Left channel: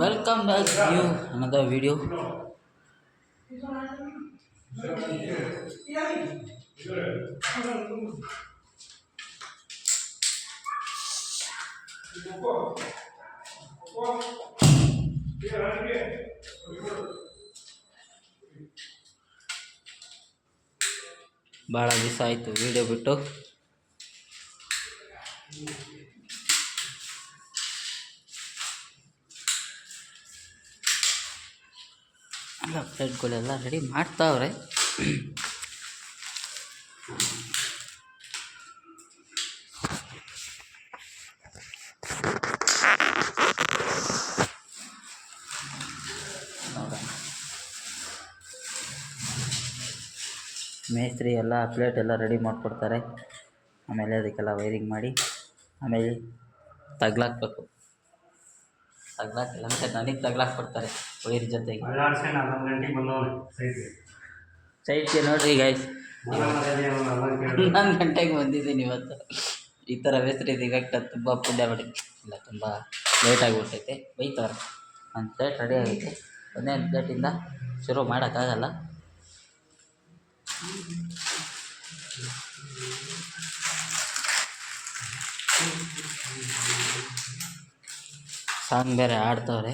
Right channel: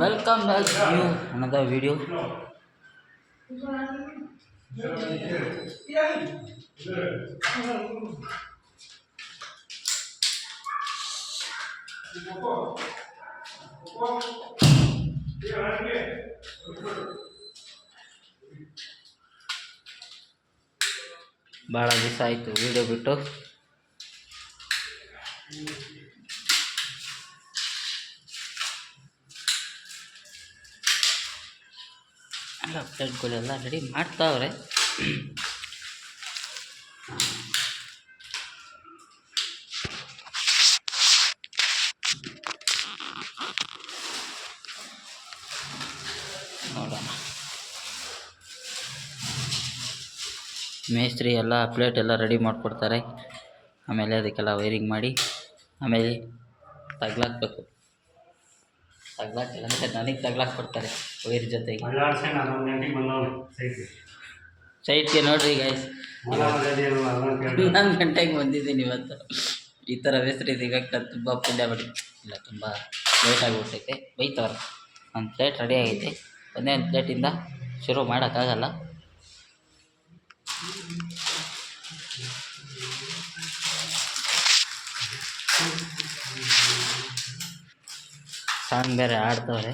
Welcome back to another video. ಭಾಳ ದಿವಸ ಆಯಿತು ವಿಡಿಯೋ ಬಿಟ್ಟು. ಎಲ್ಲ ಪ್ಲೇಟ್ಗಳೆಲ್ಲ ರೆಡಿ ಮಾಡ್ತಾವ್ರೆ. ನೋಡೋಣ. ಮೇಸ್ತ್ರಿ ಎಲ್ಲ ಪ್ಲೇಟ್ ಎಲ್ಲ ರೆಡಿ ಮಾಡಿಕೊಡ್ತಾರೆ. ಆಮೇಲೆ ಅದಕ್ಕೆಲ್ಲ ವೈರಿಂಗ್ ಮಾಡಿ ಆಮೇಲೆ ತಗ್ಲಾಕ್ಬೇಕು. ತಗ್ಲಾಕಿಲ್ಲ ಅಂದರೆ ನನಗೆ ತಗ್ಲಾಕ್ ಕೊಡ್ತಾರೆ ವೈರ್ ಜೊತೆಗೆ. ಸೈಟ್ಗೆ ನೋಡ್ರಿ ಗೈಸ್, 11 ಗಂಟೆಗೆ ಬಂದಿದ್ದೀನಿ ಇವತ್ತು. ಈ ಥರ ಮೇಸ್ತ್ರಿ ಸಿಗಕ್ಕೆ ತುಂಬ ಪುಣ್ಯ ಮಾಡಿ. ಇಲ್ಲ, ತುಂಬ ಲೇಟಾಗಿ ಬಿಡ್ತೈತೆ, ಬೈತವ್ರೆ. ಒಂದು ಪ್ಲೇಟ್ ರೆಡಿ ಆಗೈತೆ, ಒಂದೇ ಒಂದು ಪ್ಲೇಟಿಂದ ಶುರು ಮಾಡೋಕ್ಕಾಗಲ್ಲ. ಸಾಂಗ್ ಬೇರೆ ಆಡ್ತವ್ರೆ.